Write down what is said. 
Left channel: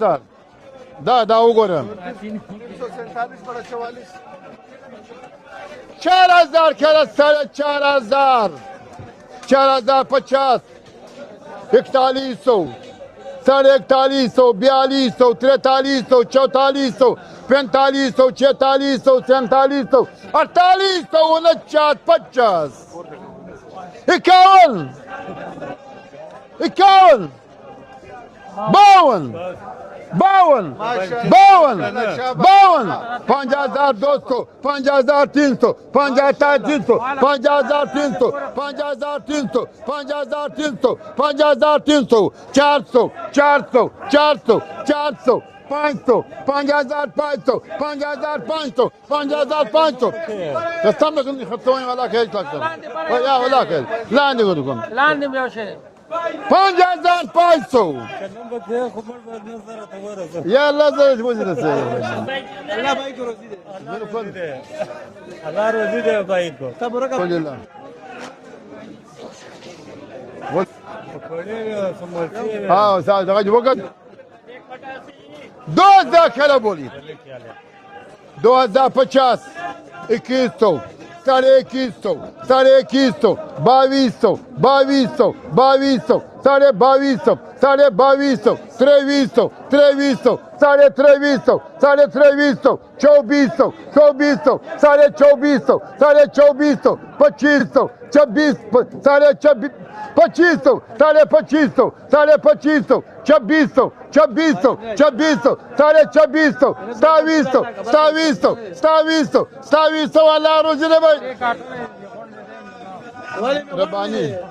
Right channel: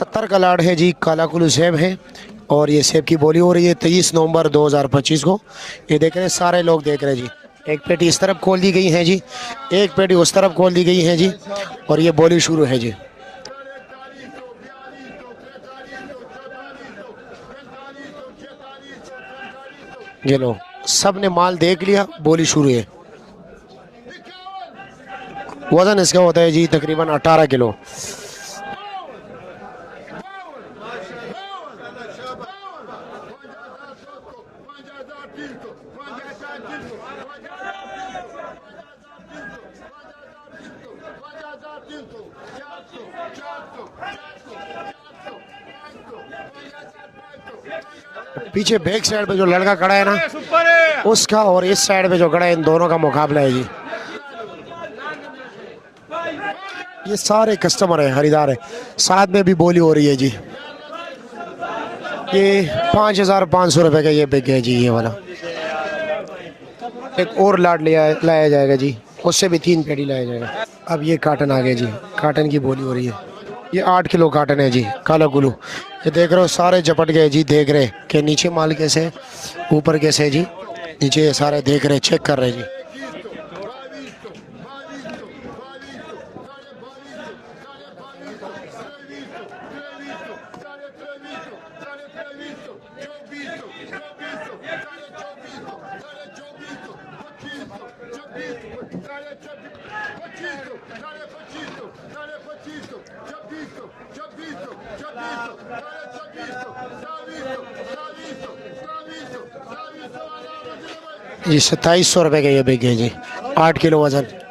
70 का लाड है जी, काला कुलू सेब है और ये सेब की बोली हो रही है 23 नवंबर 2025 को। ये देख रहे हैं सारे लोग देख रहे हैं जी। एक पेटी इस तरफ खोल दी गई है जी, एक पेटी उस तरफ खोल दी गई है जी और ये बोली शुरू है जी। 41, 42, 43, 44, 45, 46, 47, ये लो, 48, सबने माल देख लिया, बोली शुरू है। 51, वजन इसका होता है जी तकरीबन 18 किलो। 52, 52, 52, 52, 5200, 5300, 5300, 5300, 5300, 5300, 5300, 400, 400, 400, 400, 500, 5500, 5500। पीछे बैक साइड पे जो लड़का खड़ा है ना उसका और इस साइड पे जो खड़ा है इन दोनों का मुकाबला है जी। ये सारे कस्टमर है, खरीदार है, साथ में भी बोली हो रही है जी। ये 5500 रुपए का ये बिक है जी। ये वाला एक और लाट लाया जाएगा जी, उससे भी 3 पेटी लाया जाएगा। अब ये काटन आ गया जी, काटन की बोली हो रही है। ये 8 किलो काटन है जी, काला कुलू। ये देख रहे हो सारे चपट गए जी, देख रहे कि नीचे माल कैसे ऊपर कैसे जी, नीचे सारे देख रहे चेक कर रहे हैं। 2100, 2200, 2200, 2200, 2250, 2250, 2300, 2300, 2300, 2300, 2400, 2400, 2400, 2400, 2500, 26, 2500, 2500, 2500, 2500, 2600, 2600, 2600, 2600, 2700, 2700, 2700, 2700 वाला रोज रे भाई। ये 2700 रुपए का ये बिक है जी, 8 किलो वजन।